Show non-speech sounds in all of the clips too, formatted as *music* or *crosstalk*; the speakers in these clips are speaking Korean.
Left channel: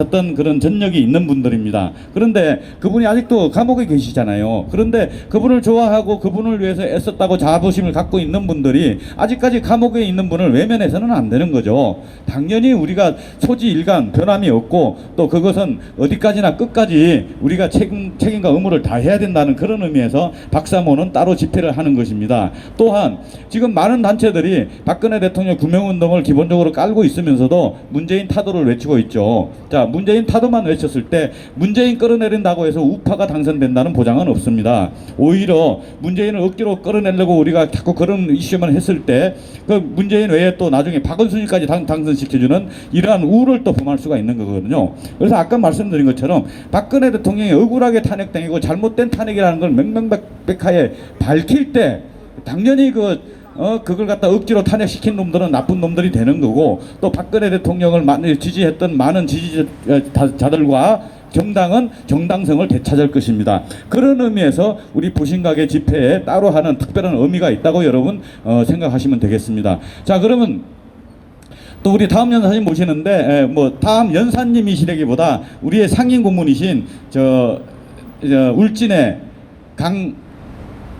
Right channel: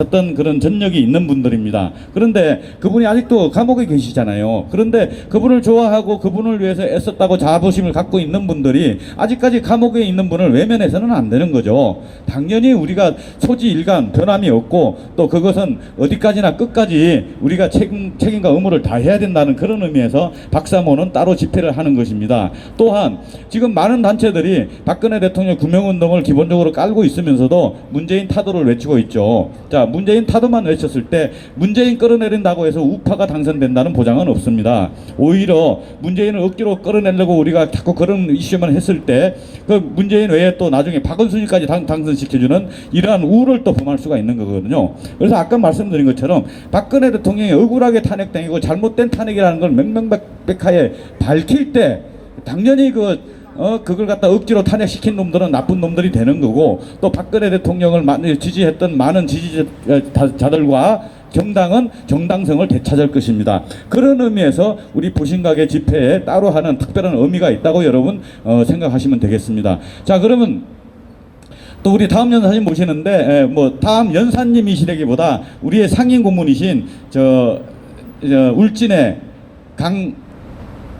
어떤 그런 전력이 있는 분들입니다. 그런데 그분이 아직도 감옥에 계시잖아요. 그런데 그분을 좋아하고 그분을 위해서 애썼다고 자부심을 갖고 있는 분들이 아직까지 감옥에 있는 분을 외면해서는 안 되는 거죠. 당연히 우리가 소지일간 변함이 없고 또 그것은 어디까지나 끝까지 우리가 책임, 책임과 의무를 다해야 된다는 그런 의미에서 박사모는 따로 집회를 하는 것입니다. 또한 지금 많은 단체들이 박근혜 대통령 구명운동을 기본적으로 깔고 있으면서도 문재인 타도를 외치고 있죠. 자, 문재인 타도만 외쳤을 때 문재인 끌어내린다고 해서 우파가 당선된다는 보장은 없습니다. 오히려 문재인을 억지로 끌어내려고 우리가 자꾸 그런 이슈만 했을 때 그 문재인 외에 또 나중에 박원순이까지 당, 당선시켜주는 이러한 우를 또 범할 수가 있는 거거든요. 그래서 아까 말씀드린 것처럼 박근혜 대통령이 억울하게 탄핵당이고 잘못된 탄핵이라는 걸 명명백백하게 밝힐 때 당연히 그 어, 그걸 갖다 억지로 탄핵시킨 놈들은 나쁜 놈들이 되는 거고 또 박근혜 대통령을 지지했던 많은 지지자들과 정당은 정당성을 되찾을 것입니다. 그런 의미에서 우리 부신각의 집회에 따로 하는 특별한 의미가 있다고 여러분 어, 생각하시면 되겠습니다. 자 그러면 또 우리 다음 연사님 모시는데 에, 뭐 다음 연사님이시라기보다 우리의 상임 고문이신 저, 저 울진의 강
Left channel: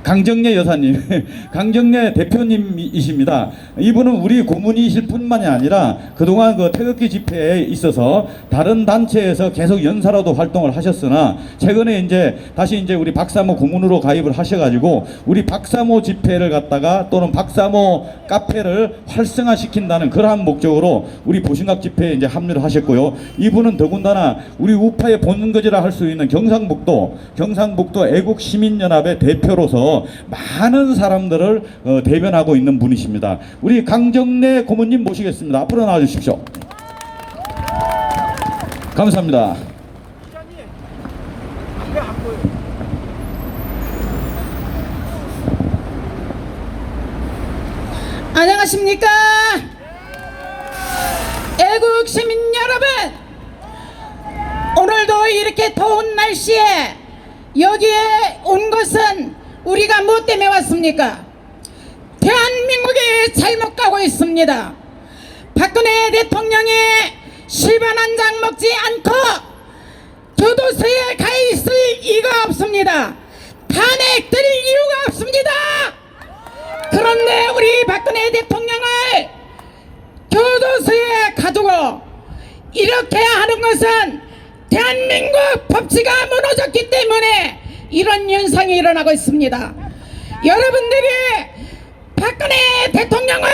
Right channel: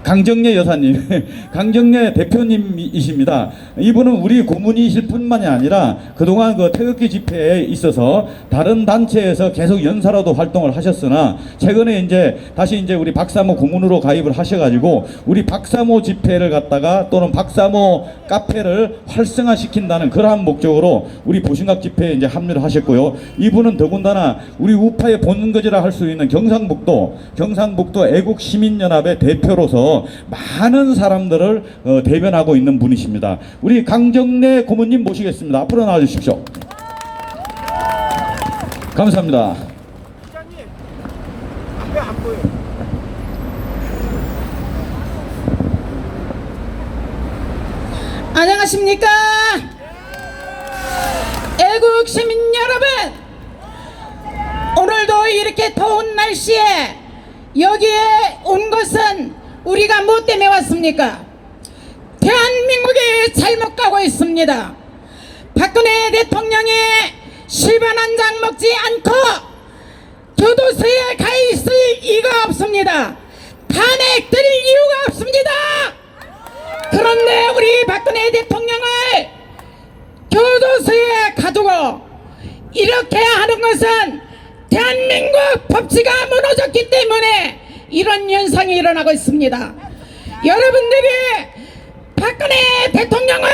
강정래 여사님, *laughs* 강정래 대표님이십니다. 이분은 우리 고문이실 뿐만이 아니라 그동안 그 태극기 집회에 있어서 다른 단체에서 계속 연사로도 활동을 하셨으나 최근에 이제 다시 이제 우리 박사모 고문으로 가입을 하셔가지고 우리 박사모 집회를 갖다가 또는 박사모 카페를 활성화시킨다는 그러한 목적으로 우리 보신각 집회에 이제 합류를 하셨고요. 이분은 더군다나 우리 우파의 본거지라 할 수 있는 경상북도 경상북도 애국시민연합의 대표로서 많은 사람들을 어, 대변하고 있는 분이십니다. 우리 강정래 고모님 모시겠습니다. 앞으로 나와 주십시오. 감사합니다. 안녕하십니까? 애국 시민 여러분, 오늘도 이렇게 더운 날씨에 여기에 온 것은 우리가 뭐 때문에 왔습니까? 대한민국이 잘못 가고 있습니다. 박근혜 대통령이 실반 한 장 먹지 않고 교도소에 가 있을 이유가 없습니다. 탄핵 드릴 이유가 없습니다. 그런데 우리 박근혜 대통령을 교도소에 가두고 이렇게 하는 것은 대한민국 법치가 무너졌기 때문에 이런 현상이 일어나고 있습니다. 여러분들이 박근혜 대통령을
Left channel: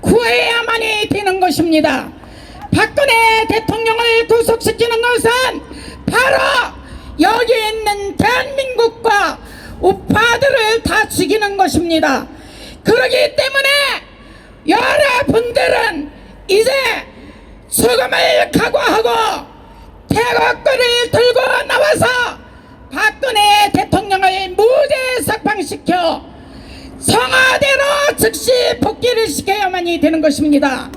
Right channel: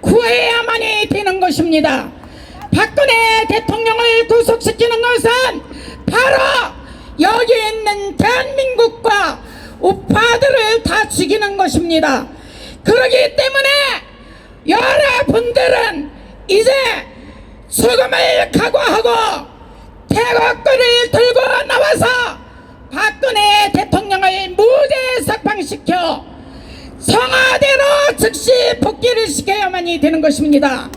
구해야만이 되는 것입니다. 박근혜 대통령을 구속시키는 것은 바로 여기 있는 대한민국과 우파들을 다 죽이는 것입니다. 그러기 때문에 여러분들은 이제 죽음을 각오하고 태극기를 들고 나와서 박근혜 대통령을 무죄 석방시켜 성화대로 즉시 복귀를 시켜야만이 되는 것입니다.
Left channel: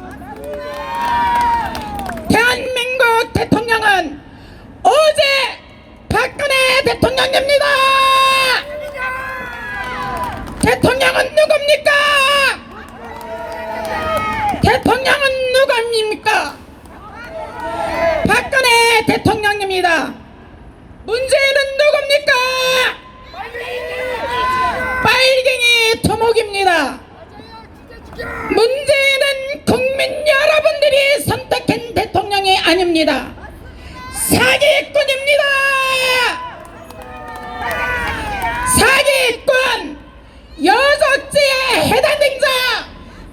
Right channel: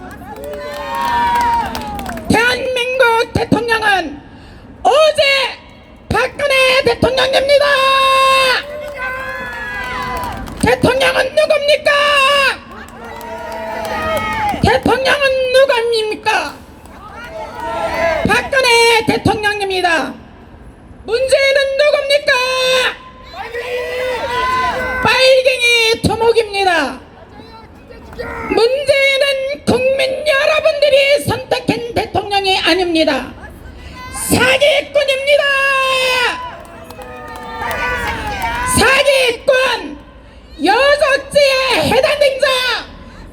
대한민국 대통령은 어제 박근혜 대통령입니다. 대통령은 누굽니까? 대통령은 누굽니까? 박근혜 대통령입니다. 문재인은 누굽니까? 토목입니다. 문재인은 국민 여러분들이 선택한 대통령이 아닙니다. 사기꾼입니다. 사기꾼 여적지에 해당된 자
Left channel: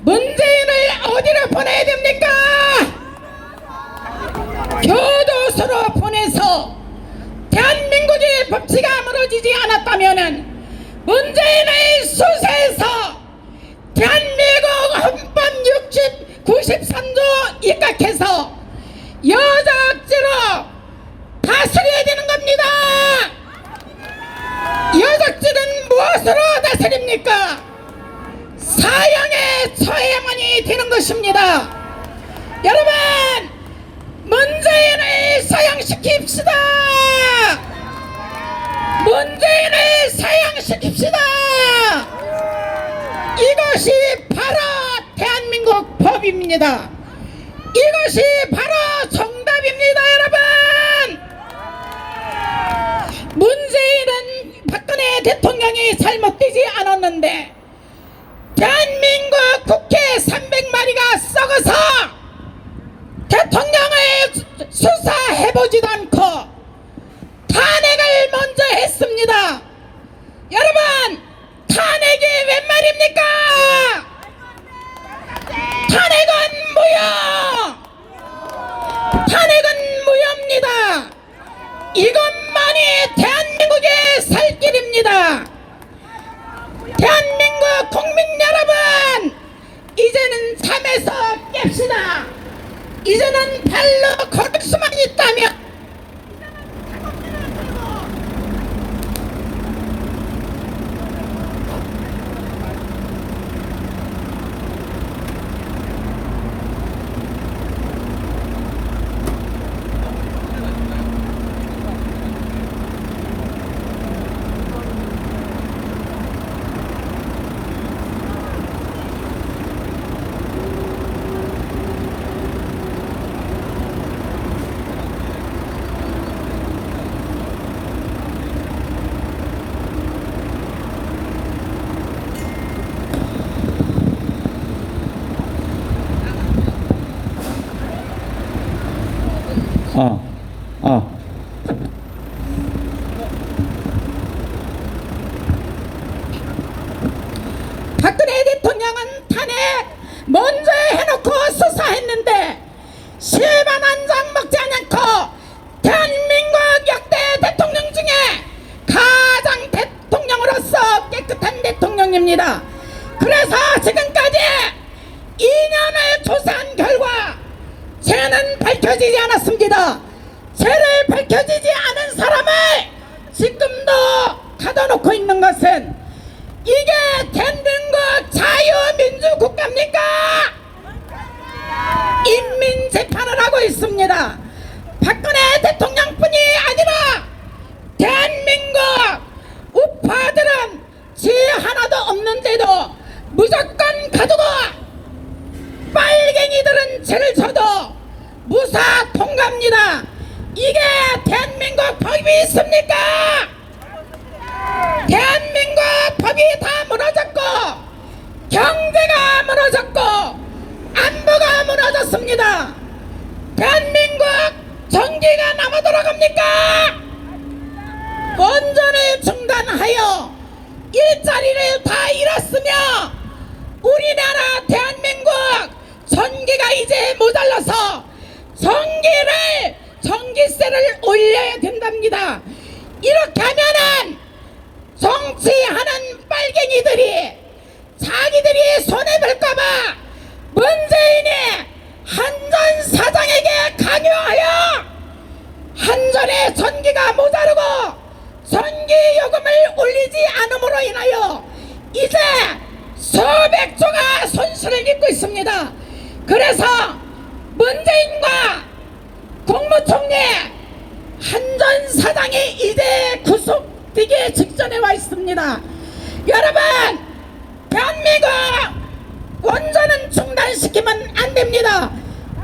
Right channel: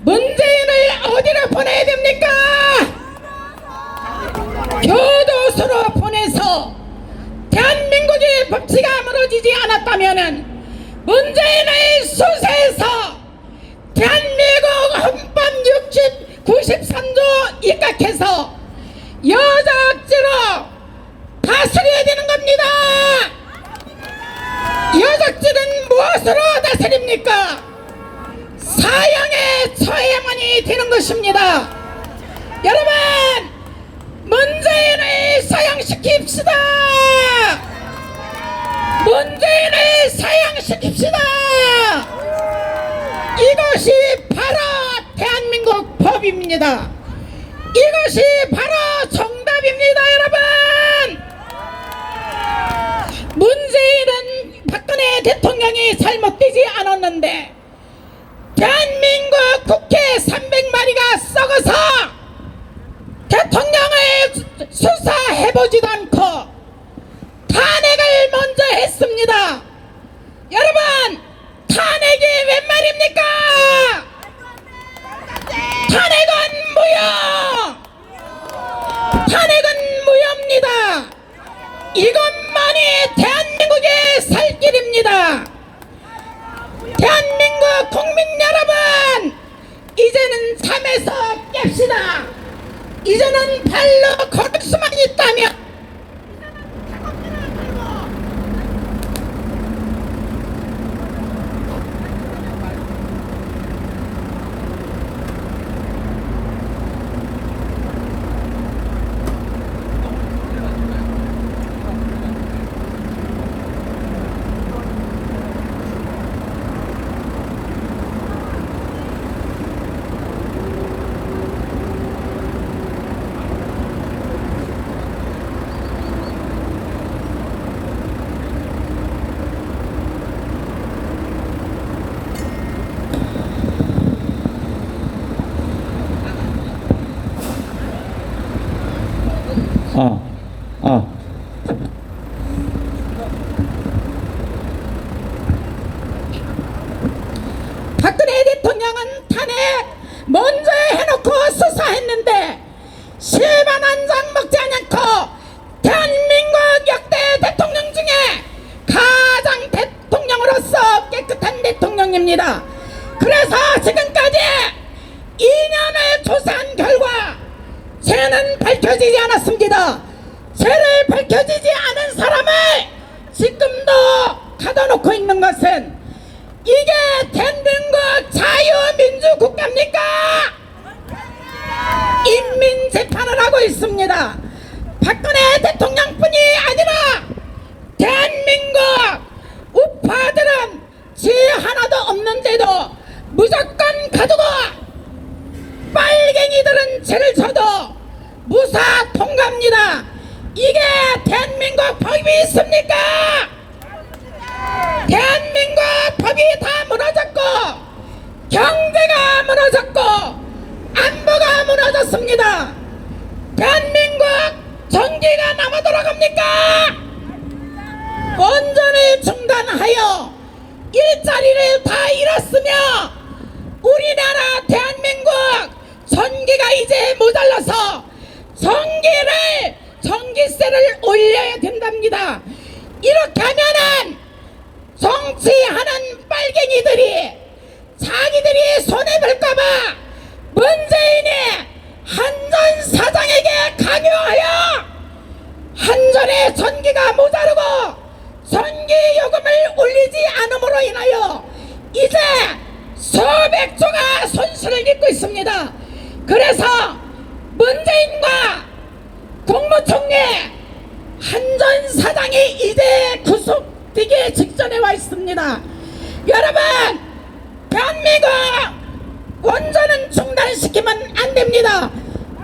문재인을 어디로 보내야 됩니까? 교도소로 보내서 대한민국의 법치가 무너지지 않았다면은 문재인의 수사에서 대한민국 헌법 60, 93조 입각해서 여자악지로 다스려야 되는 겁니다. 여자악지는 무엇으로 다스립니까? 사형에 처해야만이 되는 것입니다. 여러분, 문재인을 사형시킵시다. 문재인을 사양시킵시다. 이것이 바로 대한민국 법입니다. 이것이 바로 정답입니다, 여러분. 문재인은 박근혜 대통령이 잘못되지 않았는데 대한민국 국회 300마리가 썩어서 대통령을 수사해보지도 않고 탄핵을 먼저 했습니다. 여러분 탄핵이 웬 말입니까? 탄핵은 무효! 탄핵은 무효입니다. 이것만이 대한민국의 살 길입니다. 대한민국 국민 여러분, 이제는 잠에서 깹시다. 이제는 발로 걸을 수만 있다면 아, 아. 박근혜 대통령은 탄핵 먼저 해놓고 수사했는데 실만 한 장 먹지 않고 대한민국 역대 대통령 중에 가장 대통령으로서 깨끗한 그래서 지금까지 2년을 조사한 결과 죄는 밝혀지지 않았습니다. 죄를 밝혀지지 않은 사람을 지금도 가둬놓고 있는 것은 이게 대한민국 자유민주국가입니까? 인민재판을 하고 있습니다. 박근혜 대통령뿐이 아니라 대한민국 우파들은 죄 하나도 없는데도 무조건 가두고 빨갱이들은 죄를 져도 무사 통과합니다. 이게 대한민국 법이 있습니까? 대한민국 법이 다 무너졌고 경제가 무너졌고 안보가 무너졌습니다. 대한민국 전기가 남아 돌아갑니까? 원전을 중단하여 일자리를 다 잃었으며 우리나라 대한민국 전기가 이제 모자라서 전기를 전기세를 올려야 된답니다. 이렇게 하면은 정치하는 빨갱이들이 손해볼까봐 문재인이 한전 사장에게 강요하여 한전의 전기가 모자르고 전기 요금을 올리지 않음으로 인하여 이제 수백 조가 손실을 입고 있습니다. 그래서 문재인과 국무총리 한전 사장이 이제 구속되기 직전에 와 있습니다. 여러분, 대한민국 원전은 중단시키면 안 됩니다.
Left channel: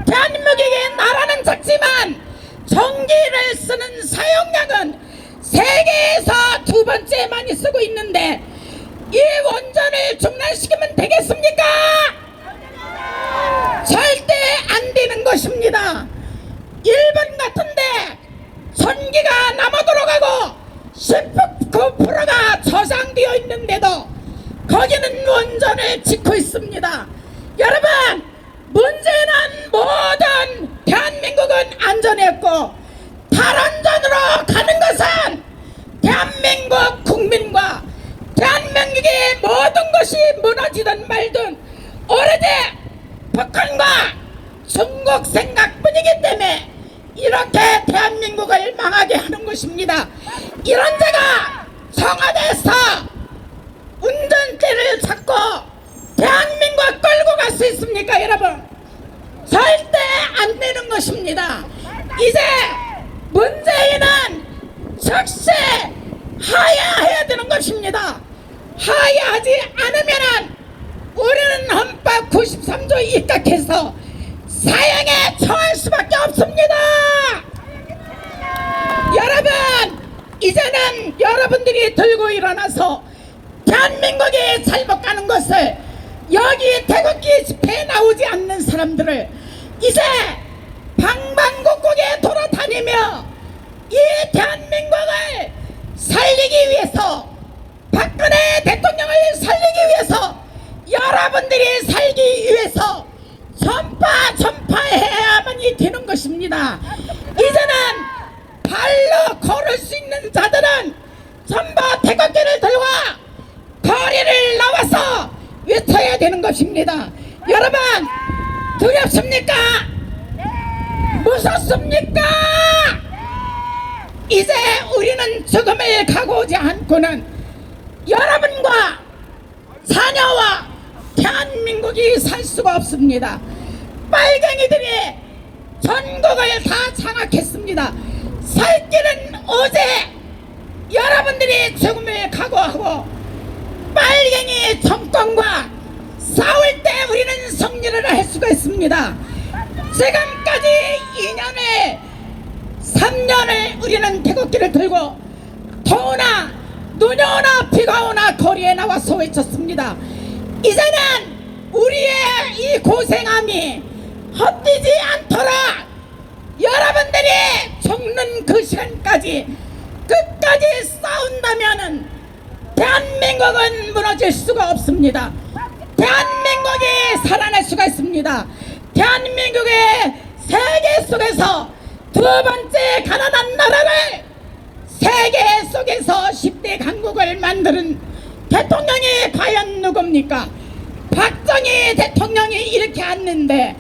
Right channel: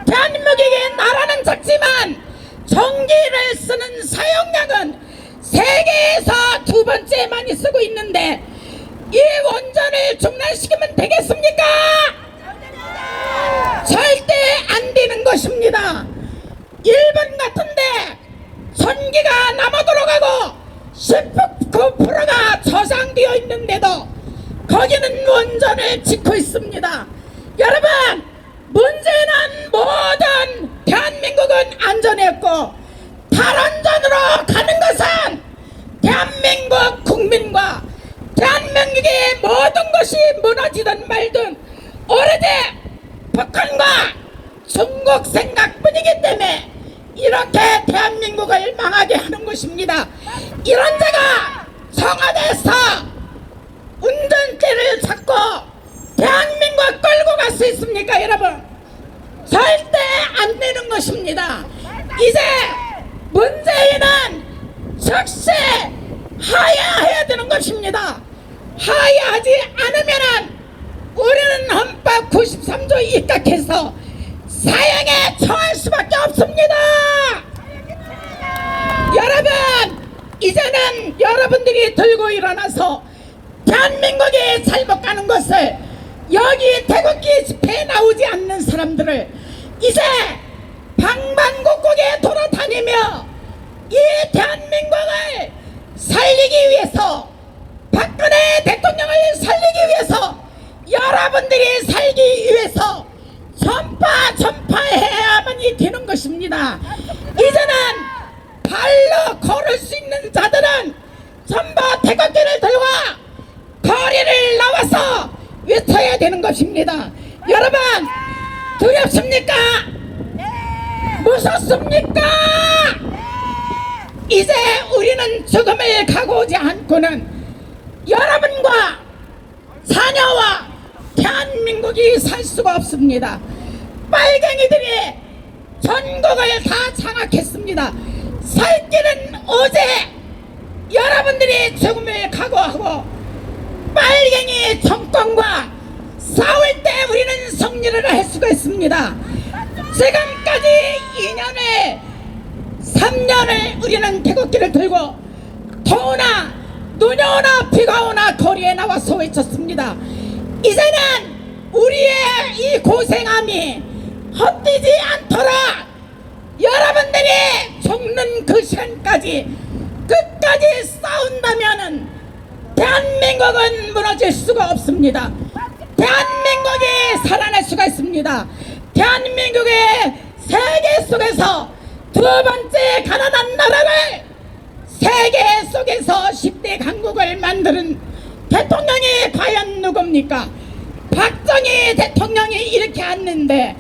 대한민국의 나라는 작지만 전기를 쓰는 사용량은 세계에서 두 번째 많이 쓰고 있는데 이 원전을 중단시키면 되겠습니까? 절대 안 되는 것입니다. 일본 같은데 전기가 남아 돌아가고 19%가 저장되어 있는데도 거기는 원전을 짓고 있습니다. 여러분, 문제는 모든 대한민국은 안전했고 탈원전으로 가는 것은 대한민국 국민과 대한민국의 모든 것이 무너지든 말든 오래돼 북한과 중국 생각뿐이기 때문에 이렇게 대한민국을 망하게 하는 것입니다. 이런 데가 청와대에서 운전대를 잡고 대한민국 끌고 갈 수 있습니까 여러분? 절대 안 되는 것입니다. 이제 문재인은 즉시 하야해야 되는 것입니다. 하야하지 않으면은 우리는 헌법 93조에 입각해서 사형에 처할 수밖에 없습니다. 여러분 이제는 여러분들이 들고 일어나서 대한민국이 잘못 가는 것을 여기 태극기 집회에 나오지 않는 사람들을 이제 방방곡곡에 돌아다니며 이 대한민국을 살리기 위해서 박근혜 대통령을 살리기 위해서 여러분들이 살기 위해서 전파 전파해야만이 되는 것입니다. 이제는 발로 걸을 수 있는 자들은 전파 태극기를 들고 거리를 나와서 외쳐야 되는 것입니다. 여러분 두렵습니까? 무섭습니까? 이제 우리는 죽음을 각오하지 않고는 여러분과 사녀와 대한민국이 살 수가 없습니다. 빨갱이들이 전국을 다 장악했습니다. 살 길은 오제 여러분들이 죽음을 각오하고 빨갱이 정권과 싸울 때 우리는 승리를 할 수가 있습니다. 지금까지 2년을 3년을 우리는 태극기를 들고 더우나 눈이 오나 비가 오나 거리에 나와서 외쳤습니다. 이제는 우리의 이 고생함이 헛되지 않도록 여러분들이 죽는 그 시간까지 끝까지 싸운다면은 대한민국은 무너질 수가 없습니다. 대한민국이 살아날 수가 있습니다. 대한민국의 세계 속에서 두 번째 가난한 나라를 세계 속에서 10대 강국을 만드는 대통령이 과연 누굽니까? 박정희 대통령이 이렇게 했는데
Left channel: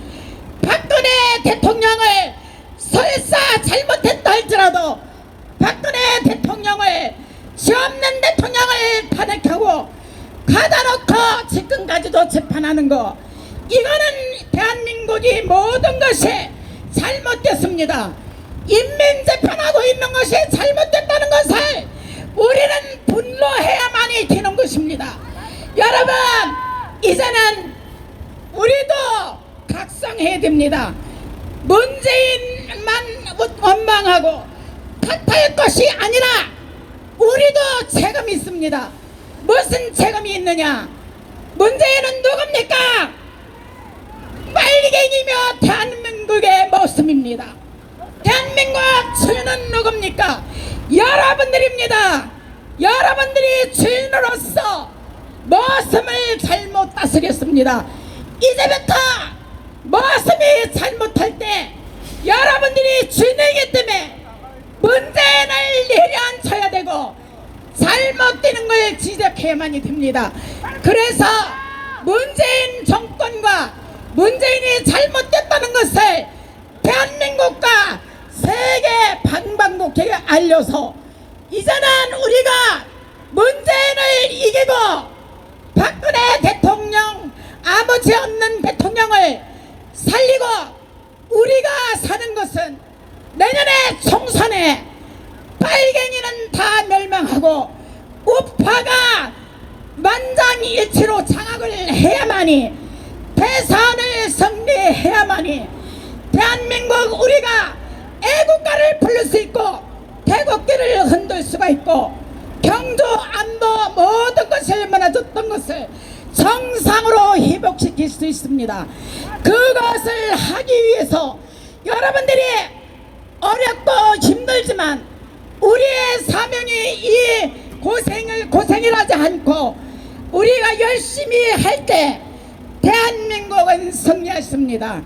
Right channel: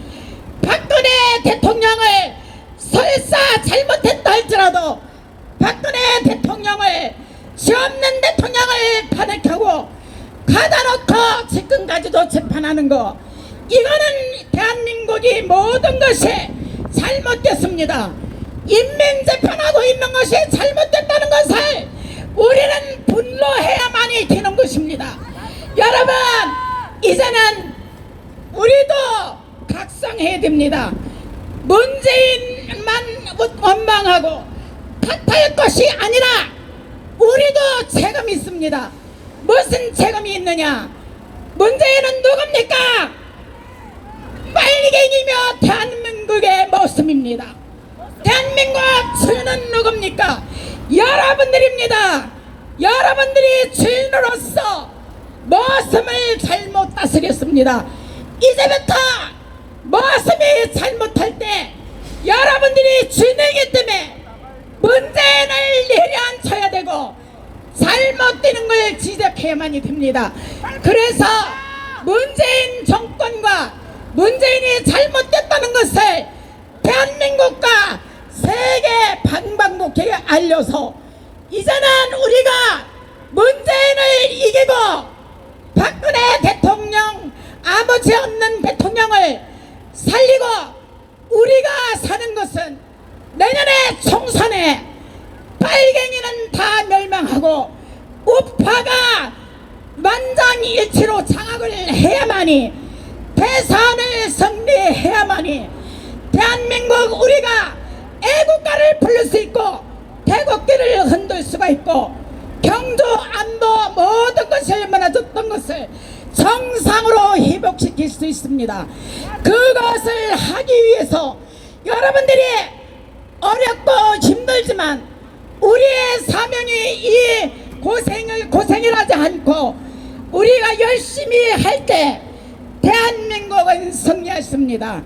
박근혜 대통령을 설사 잘못했다 할지라도 박근혜 대통령을 지 없는 대통령을 탄핵하고 가다 놓고 지금까지도 재판하는 거 이거는 대한민국이 모든 것이 잘못됐습니다. 인민재판하고 있는 것이 잘못됐다는 것을 우리는 분노해야만이 되는 것입니다. 여러분 이제는 우리도 각성해야 됩니다. 문재인만 원망하고 탓할 것이 아니라 우리도 책임이 있습니다. 무슨 책임이 있느냐? 문재인은 누굽니까? 빨리갱이며 대한민국의 모습입니다. 대한민국 주인은 누굽니까? 여러분들입니다. 여러분들이 주인으로서 모습을 잘못 다스렸습니다. 이제부터 모습이 잘못할 때 여러분들이 주인이기 때문에 문재인을 내려앉혀야 되고 잘못되는 걸 지적해야만이 됩니다. 그래서 문재인 정권과 문재인이 잘못됐다는 것을 대한민국과 세계 방방곡곡에 알려서 이제는 우리가 문재인을 이기고 박근혜 대통령 아버지 없는 대통령을 살리고 우리가 사는 것은 내년에 총선에 빨갱이는 다 멸망하고 우파가 만장일치로 장악을 해야만이 대선을 승리해야만이 대한민국 우리가 애국가를 부를 수 있고 태극기를 흔들 수가 있고 경주 안도 모든 것을 무너졌던 것을 정상으로 회복시킬 수 있습니다. 그것을 하기 위해서 여러분들이 어렵고 힘들지만 우리의 사명이 이 고생을 고생을 하지 않고 우리가 열심히 할 때 대한민국은 승리했습니다.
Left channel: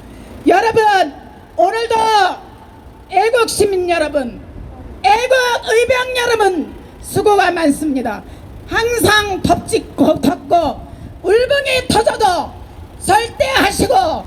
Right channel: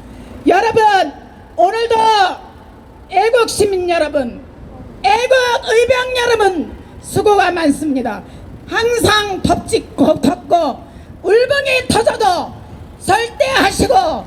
여러분 오늘도 애국 시민 여러분, 애국 의병 여러분 수고가 많습니다. 항상 덥짓고 덥고 울분이 터져도 절대 하시고